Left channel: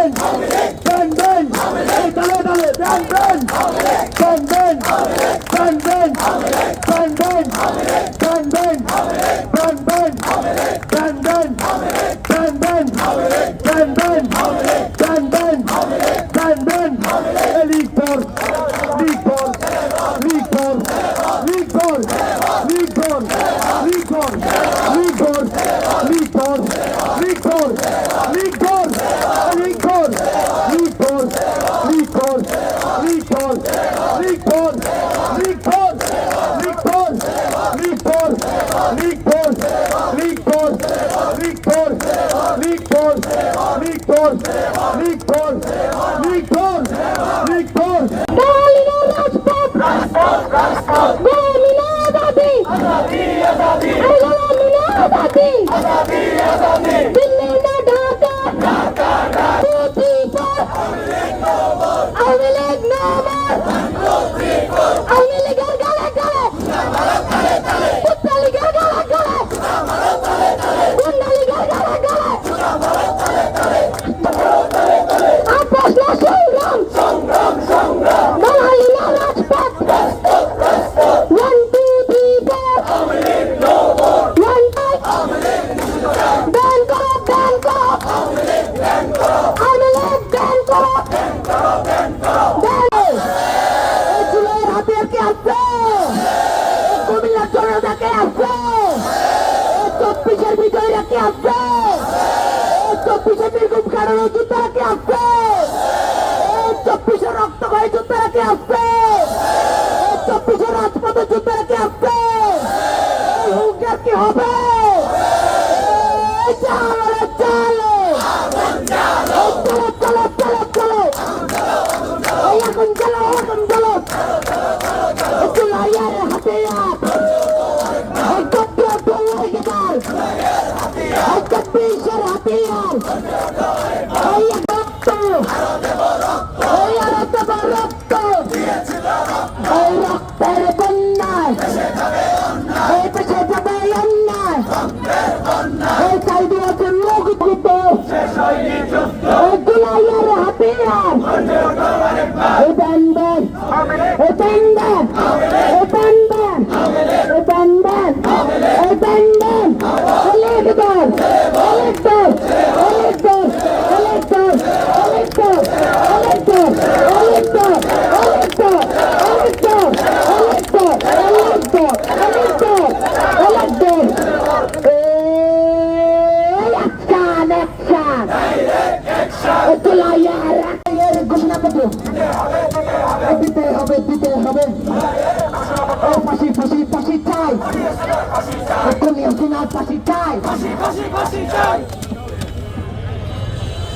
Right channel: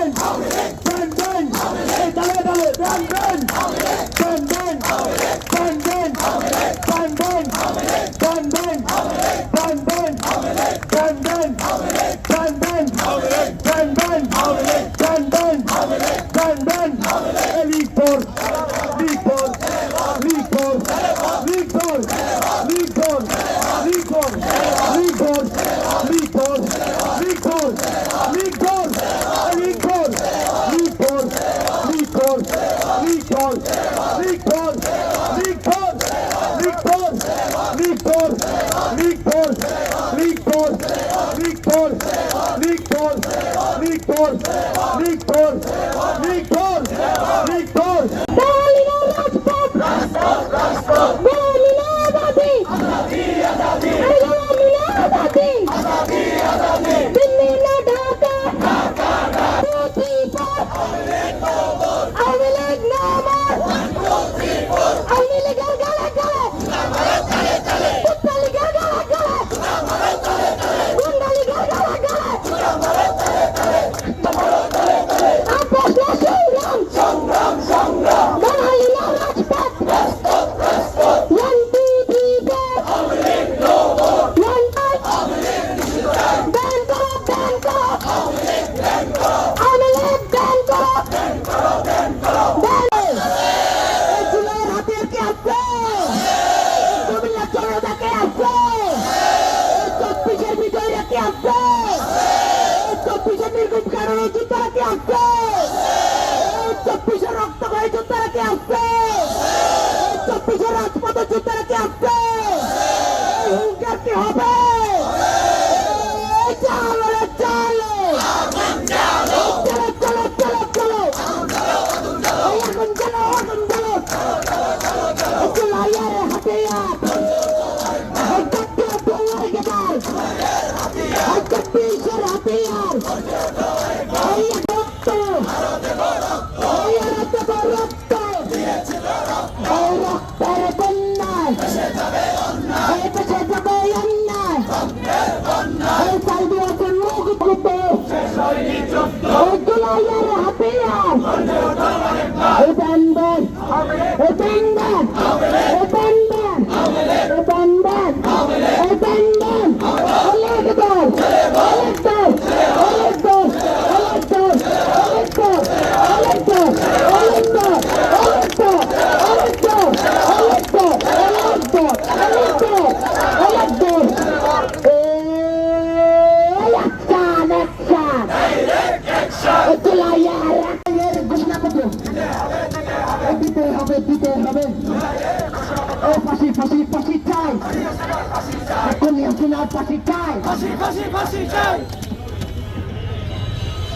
Ban ব্যান ব্যান তালে তালে ব্যান ব্যান ব্যান ব্যান ব্যান ব্যান ব্যান ব্যান ব্যান ব্যান ব্যান ব্যান ব্যান কি হবে?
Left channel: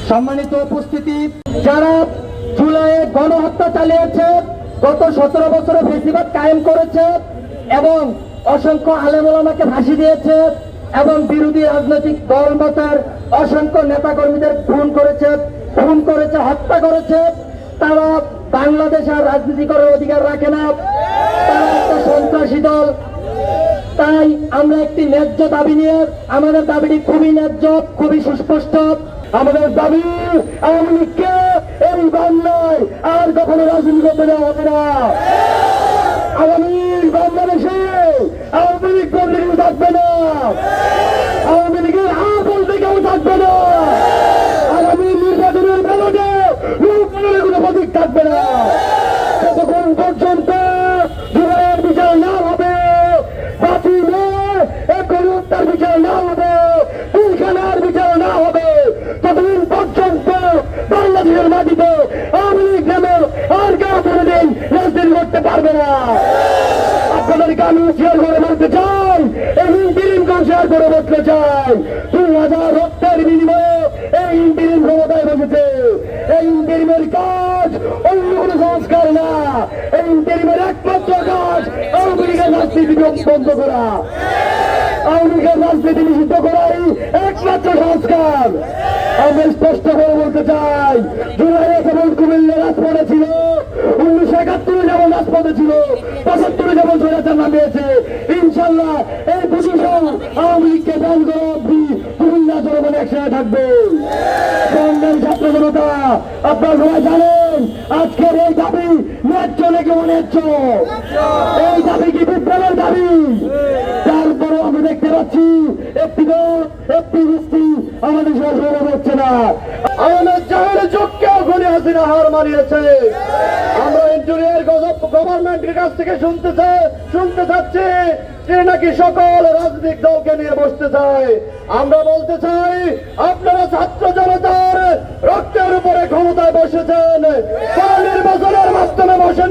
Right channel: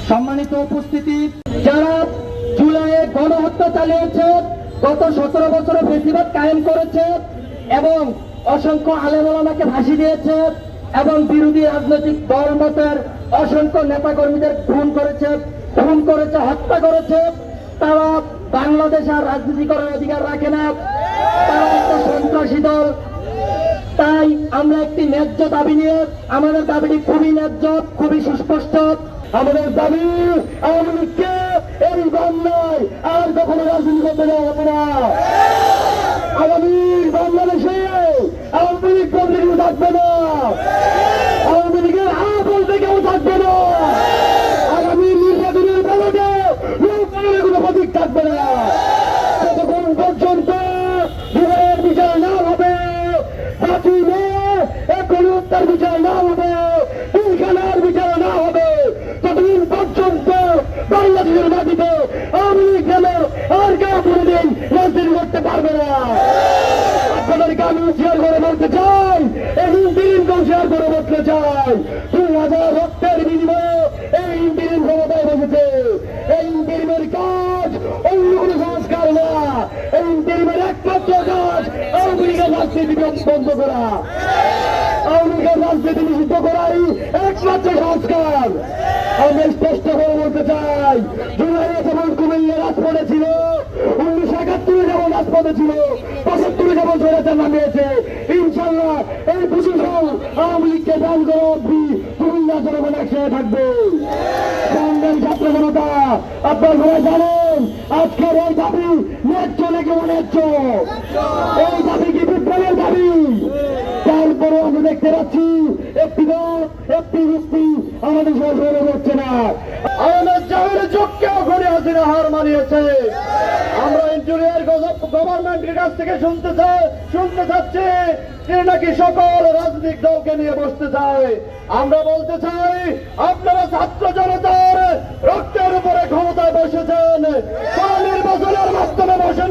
সম্মানিত উপস্থিতি, যারা জুলাইয়ে গণহত্যা চালিয়েছে, গত সতেরো বছরে ফেসিবাদ কায়েম করেছে এবং অসংখ্য আলেমলামাকে ফাঁসি দিয়েছে এবং বিরোধী রাজনৈতিক দল মতের অসংখ্য নেতাকর্মীদের খুন করেছে খুন করেছে, হত্যা করেছে। তারা বাংলাদেশ আর রাজনীতি করার অধিকার রাখে না। তারা একটা সন্ত্রাসী দল। আমরা একটি ন্যায্য দাবি নিয়ে, আমাদের দাবিটি খুবই ন্যায্য, খুবই সুস্পষ্ট। আমাদের দাবি আওয়ামী লীগকে এই আর কখনো রাজনীতি করতে দেওয়া হবে না। আগামী বাংলাদেশে আওয়ামী লীগ থাকবে না। আওয়ামী লীগের বলতে কেউ থাকবে না। আগামী নির্বাচনের ব্যালটে কোনো প্রতীক থাকবে না ততক্ষণ পর্যন্ত জুলাইয়ের বিচার না হবে বাতিলে এখন হত্যার বিচার না হবে পিলখানার বিচার না হবে ততদিন পর্যন্ত বাংলাদেশের মাটিতে আওয়ামী লীগ নামে আর কেউ কোনোদিন রাজনীতি করতে পারবে না। আপনাদেরকে আমি শেয়ার করে বলতে চাই, এবং ইন্টিরিমকেও শেয়ার করে বলতে চাই দুই হাজার রক্তের বিনিময়ে এই ইন্টিরিম ক্ষমতায় বসেছে। এই ইন্টিরিমের কাজ অন্য কোনো সংস্কার না। এই ইন্টিরিমের একমাত্র কাজ আওয়ামী লীগের রাজনীতি বন্ধ করা। আওয়ামী লীগের রাজনীতি নিষিদ্ধ করাই একমাত্র সংস্কার। আমরা স্পষ্ট করে বলতে চাই জুলাইয়ে যেমন কুমিল্লা রাজপথে ছিল, উনিশশো একাত্তরে যেমন রাজপথে ছিল, পঁচাত্তরে যেমন স্বৈরাচার নামিয়েছে, ইনশাল্লাহ এই প্রশাসন আওয়ামী লীগকে ব্যান করে অব্দি কুমিল্লা জনগণ একসাথে থাকবে। ছাত্র জনতা, আপনার সবাই জানেন আজকের এই দাবি ন্যায্য নাকি অন্যায্য? এই দাবি কি বিপ্লবের দাবি? তারপরেও আমরা দেখতে পাচ্ছি, একটি দল, একটি ব্যক্তি আমাদের সরকার হচ্ছে না। আমাদের জাহানের চোখকে ঘুরে হাসিনা হার মানিয়েছে। আমরা ইঞ্জিনিয়ার গভর্নমেন্টের কাছ থেকে শুনতে চাই, শুনতে চাচ্ছি যে নাকি সকল রাজনৈতিক দলকে নিয়ে বসতে চায়। আমরা বলতে চাই, আপনারা ছাত্র জনতার রক্তের উপরে ক্ষমতায় বসেছেন কোন নির্বাচনের মাধ্যমে বসেন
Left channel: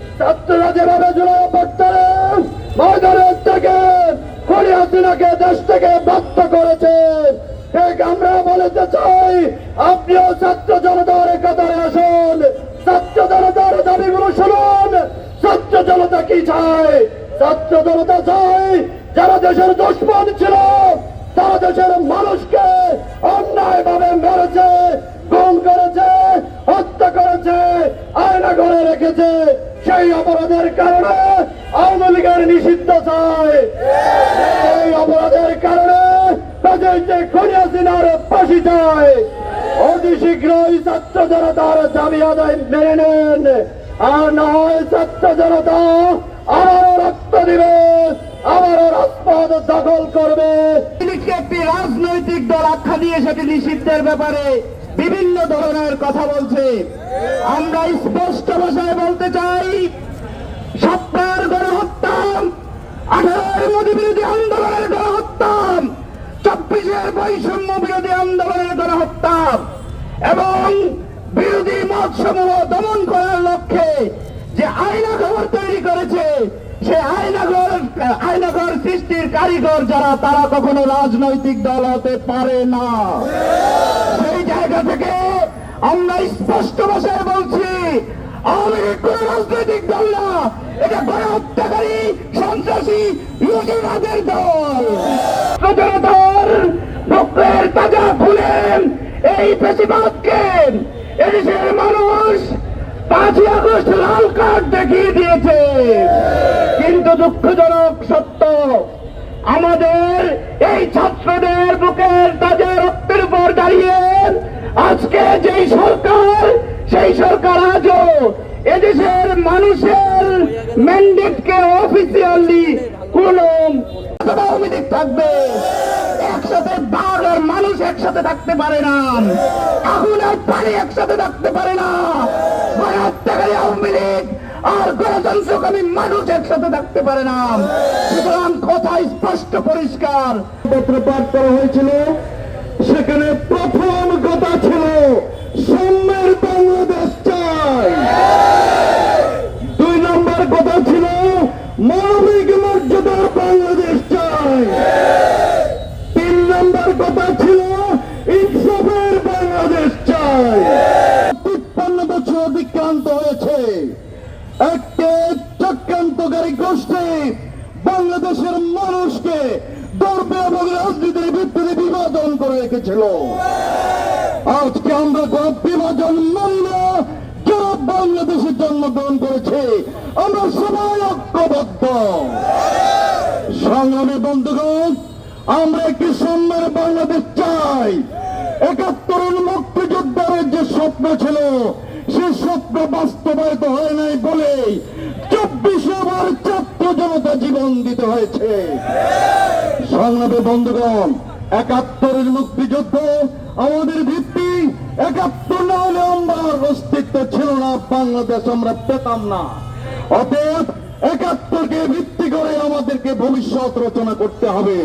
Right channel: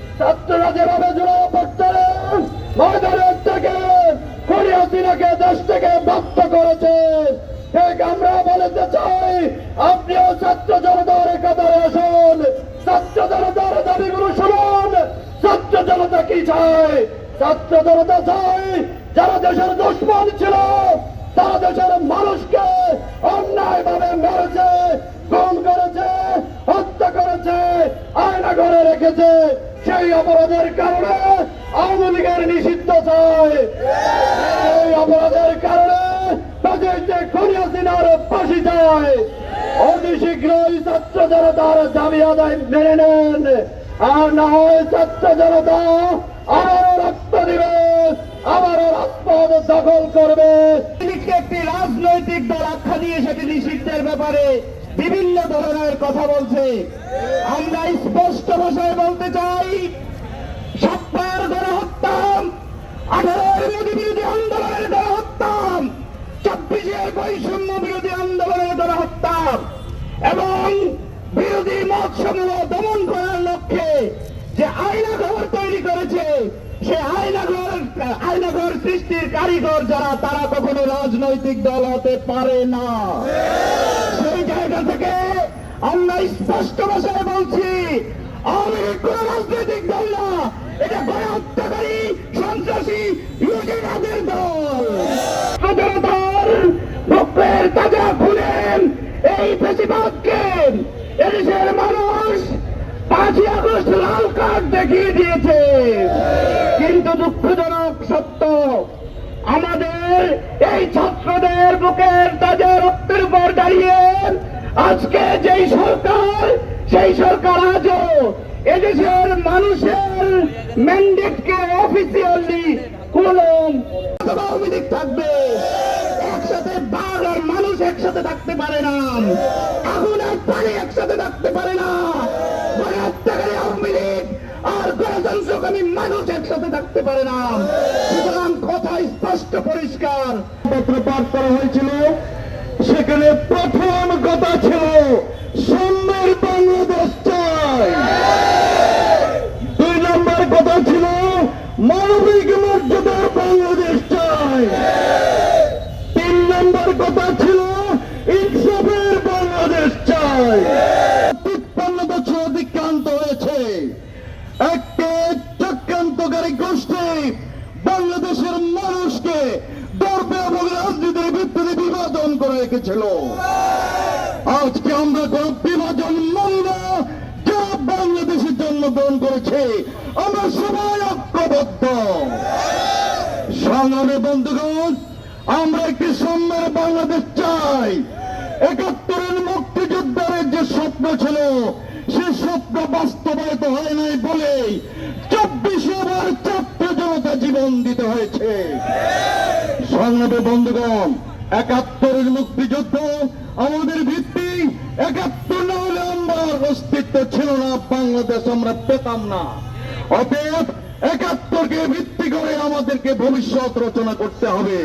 ছাত্ররা যেভাবে জুড়ে পড়তেন ময়দানের থেকে হাসিনাকে দেশ থেকে বাধ্য করেছে। আমরা বলতে চাই, আপনিও ছাত্র জনতার কাতারে আসুন। ছাত্র জনতার দাবিগুলো শুনুন। ছাত্র জনতা কি চায়? ছাত্র জনতা চায় যারা দেশের দুশ্মন ছিল, তারা দেশের মানুষকে অন্যায় ভাবে মেরেছে, খুন করেছে, হত্যা করেছে, আয়না ঘরে রেখেছে। সেই অপরাধের কারণে আওয়ামী লীগের নিষিদ্ধ চায় এই অপরাধের কারণে ফাঁসি যায় অতি শীঘ্রই ছাত্র জনতার দাবি আদায় মেনে নেন। আর না হয় ছাত্র জনতা রক্ত দিবে, আবারও রাজপথ দখল করবে। একটি রাজনৈতিক দল আখ্যা দিয়ে সেটি নিষিদ্ধের ব্যাপারে বিভিন্ন ধরনের কথা বলছে। আমরা স্পষ্ট ভাষায় বলতে চাই সত্তার গণহত্যা আঠারোর মোদী বিরোধী আন্দোলনের গণহত্যা চব্বিশের বৈষম্য বিরোধী আন্দোলনের গণহত্যা এবং বিরোধী মত সমূহ দমন করার লক্ষ্যে যে আইনাঘর তৈরি করেছে, সে আইনাঘর আইনাঘর সৃষ্টির কারিগর যারা, তারা কখনো রাজনৈতিক দল হতে পারে না। সেই জায়গা থেকে আমরা স্পষ্ট ভাষায় বলছি আওয়ামী লীগ কোন রাজনৈতিক দল না, এটা গণহত্যাকারী, সন্ত্রাসী, লুটেরাদের দল। জনতার ভক্তের তাজা খুলেন এই বেশিরভাগকে এদেশের মানুষ পাঁচই আগস্ট লাল কার্ড দেখিয়ে দিয়েছে। কিন্তু দুঃখজনক সত্য, আমাদের এই ছাত্রদের বুকের তাজা রক্তের উপর দাঁড়িয়ে আজকে যেই সরকার, সেই সরকার আজও এদেশের মানুষের ম্যান্ডেটকে অফিসিয়ালি কোন থাকবে, একসাথে বাঘ আর মানুষ একসাথে থাকতে পারে না। আগুন আর পানি একসাথে থাকতে পারে না। গণহত্যাকারী আওয়ামী লীগ আর গণতন্ত্রকামী মানুষ একসাথে থাকতে পারে না। সুতরাং কথা স্পষ্ট পরিষ্কার। পত্র পাঠ করা হয়েছিল। সেখানে প্রথম কথা ছিল সাম্যের বাংলাদেশ চাই। দুই নম্বর কথা ছিল, মানবিক মর্যাদার বাংলাদেশ চাই। তিন নম্বর কথা ছিল ঐক্যবদ্ধ সংগ্রামে বন্ধুগণ, আমরা একটি সম্মান বাংলাদেশ চাই। একাত্তরের মুক্তিযোদ্ধারের যে স্বপ্ন ছিল, সে স্বপ্ন বাস্তবায়িত হয় নাই বলে চব্বিশে বার ছাত্র জনতা জীবন দিতে হয়েছে। সংগ্রামে বন্ধুগণ, একাত্তরের মুক্তিযুদ্ধ আমাদের ভিত্তি, একাত্তর না হলে আমার অস্তিত্ব ছিল না, বাংলাদেশ আমরা পেতাম না। অতএব একাত্তরকে ভিত্তি করে আমাদেরকে ভবিষ্যৎ রচনা করতে হবে।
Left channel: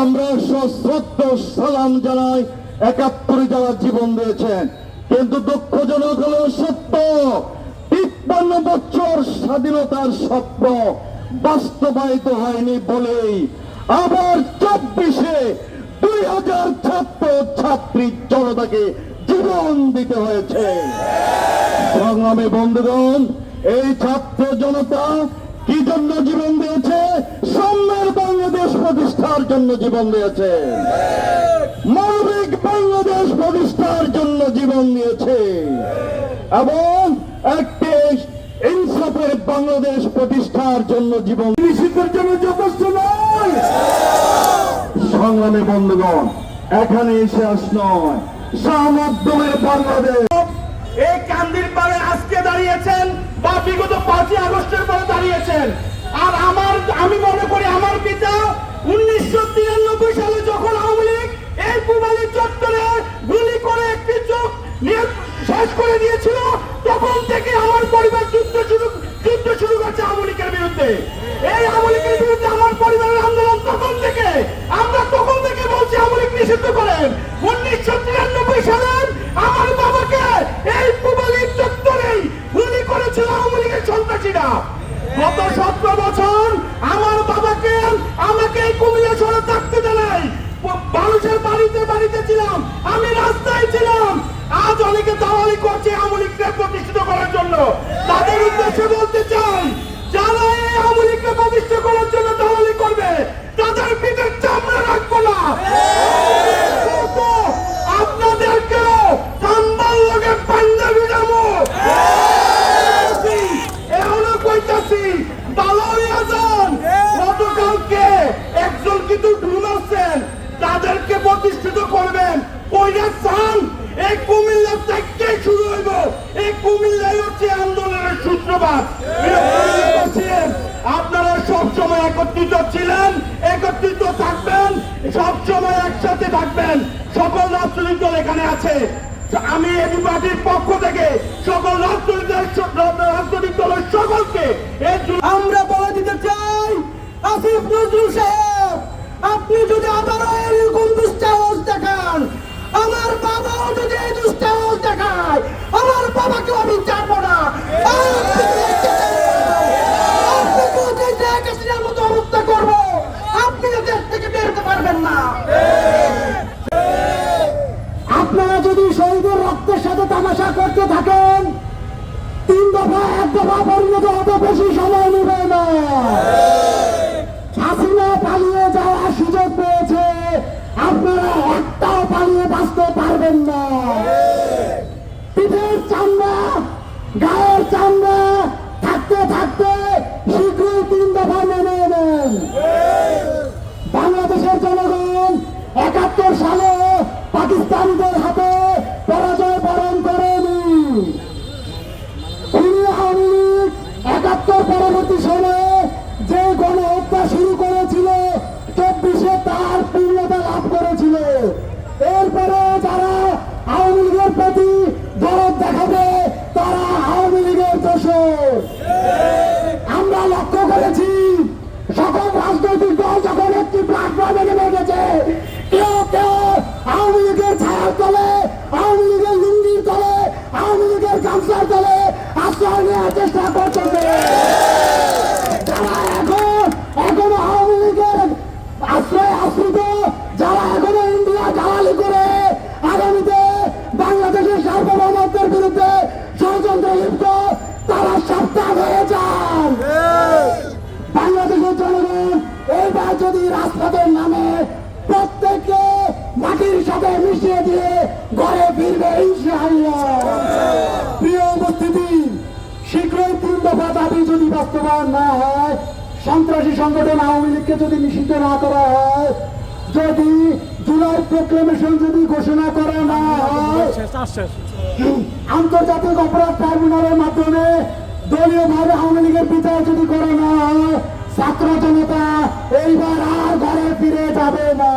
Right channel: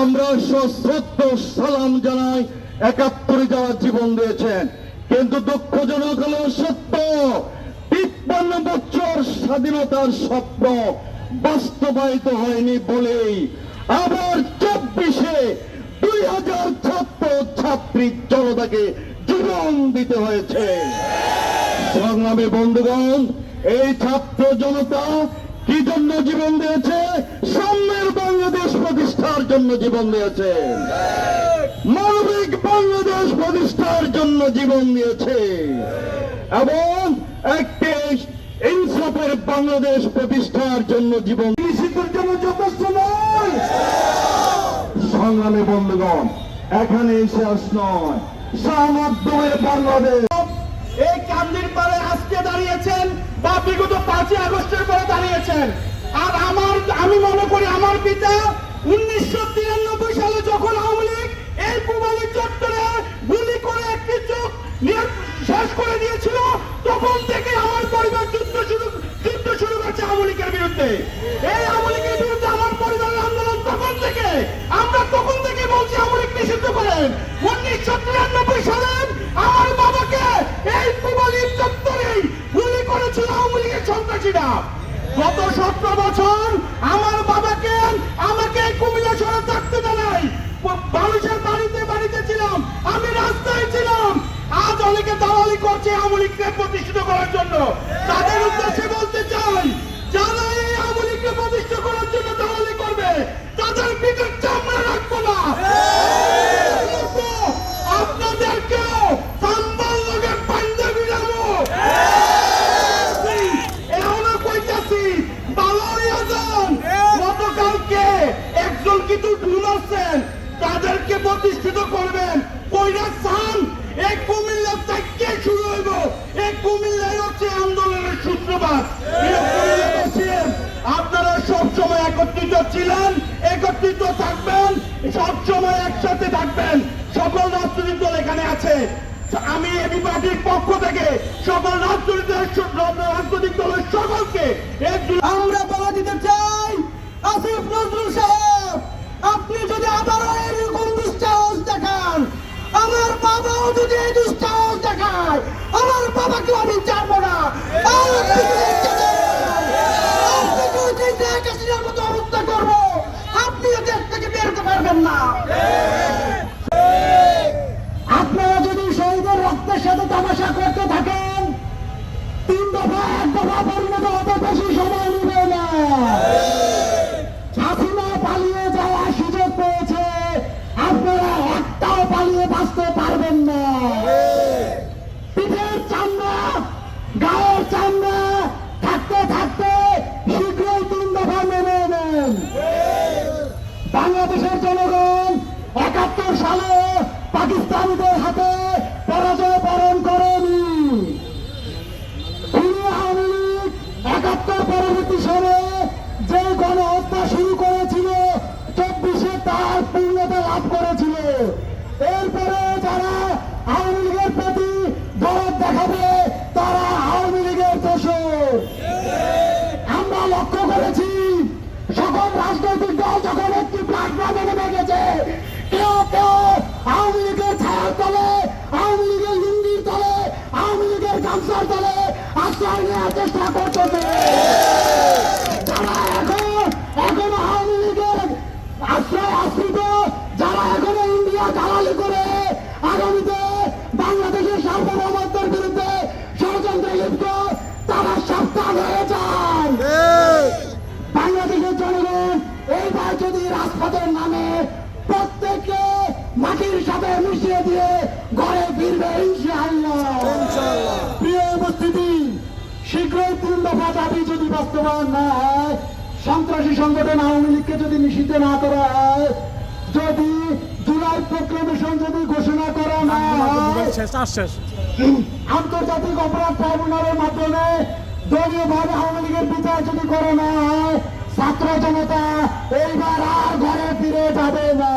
আমরা সশ্রদ্ধ সালাম জানাই, একাত্তরে যারা জীবন দিয়েছেন। কিন্তু দুঃখজনক হল সত্য, তিপ্পান্ন বছর স্বাধীনতার স্বপ্ন বাস্তবায়িত হয়নি বলেই আবার চব্বিশে দুই হাজার ছাত্র ছাত্রী জনতাকে জীবন দিতে হয়েছে। সংগ্রামী বন্ধুগণ এই ছাত্র জনতা কি জন্য জীবন দিয়েছে? সাম্যের বাংলাদেশ প্রতিষ্ঠার জন্য জীবন দিয়েছে। মানবিক বাংলাদেশ প্রতিষ্ঠার জন্য জীবন দিয়েছে। এবং একটি ইনসাফের বাংলাদেশ প্রতিষ্ঠার জন্য জীবন নিষিদ্ধের জন্য যথেষ্ট নয়। সংগ্রামী বন্ধুগণ এখানে শেষ নয়। সামধ্যমের বাংলাদেশ। বা বিগত পাঁচই আগস্টের পরে দাঁড়িয়েছেন আর আমার, আমি মনে করি আমার পিতা উনিশশো তিরানব্বই সালে যখন আওয়ামী লীগ এই চত্বরে গুলি করে একটি চোখ শেষ করে দিয়েছিল, তখন থেকে আমার পরিবার যুদ্ধ শুরু যুদ্ধ শুরু আওয়ামী লীগের বিরুদ্ধে। এই আওয়ামী লীগের বিরুদ্ধে আমার পরিবারের আন্দোলন তখন থেকে, আমরা তখন থেকে বলছি আওয়ামী লীগ নিষিদ্ধ করেন। উনিশশো তিরানব্বই সালে আমার বাবাকে এই আমার বাবাকে আমাকে থাকতে মানুষের বাড়িতে বাড়িতে ছিলাম, আমি রাস্তায় ছিলাম। আজ অনেকে দালালি করছে আওয়ামী প্রতিষ্ঠিত করার জন্য। তাদের উদ্দেশ্যে বলতে চাই আপনারা সব একত্রিত ছিলেন, একত্রিত থাকবেন সব সময় একসাথে থাকবেন। সকল রাজনৈতিক দল এখানে আছে। আমি এবি পার্টির পক্ষ থেকে সকল রাজনৈতিক রাজনৈতিক দলের সকলকে আমরা বলে দিতে চাই, আসিফ নজরুল সাহেব, আপনি যদি আবারও এরকম দুঃসাহস দেখান, আমার বাবাও যদি এই দুঃসাহস দেখায়, আমার বাবাকেও আমি চাইব না। পিঠের চামড়া, গায়ের চামড়া, থাকতে থাকতে শীঘ্রই তিন দফা মেনে নেন। বাংলাদেশের জনগণ একাত্তর সালে পাকিস্তানিদের হাতে পরাজয় বরণ করেনি। আওয়ামী লীগ একাত্তর পরবর্তী সময়ে যে গণহত্যা শুরু করেছিল, চব্বিশে তার পূর্ণতা লাভ করেছিল। এরপরে যারা নেওয়ার চেষ্টা করতেছে যারা এখন, এখনও ইন্ডিয়া দালালি করে বাংলাদেশের সার্বভৌমত্বের বিরুদ্ধে ষড়যন্ত্র তারা সাবধান হয়ে যান। বাংলাদেশের জনগণ এইবার যদি রাজপথের নামে প্রত্যেককে মাটির সাথে মিশিয়ে দিয়ে ঘরে ফিরবে, ইনশাআল্লাহ। তিন দফা দাবি যদি বাস্তবায়ন না হয় সন্ত্রাসী সংগঠন আওয়ামী লীগকে যদি নিষিদ্ধ না করা হয় যদি জুলাই প্রোক্লেমেশন যদি ঘোষণা করা না হয় আন্তর্জাতিক অপরাধ ট্রাইব্যুনালের মাধ্যমে দলীয় ভাবে আওয়ামী লীগের বিচার যদি করা না হয় ছাত্র জনতা এইবার আর ঘরে ফিরে যাবে না।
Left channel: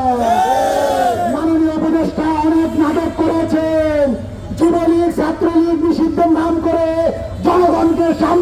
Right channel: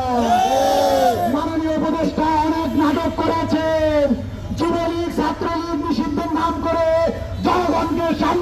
মাননীয় উপদেষ্টা অনেক নাটক করেছেন। যুবলীগ ছাত্রলীগ নিষিদ্ধ নাম করে জনগণকে সামনে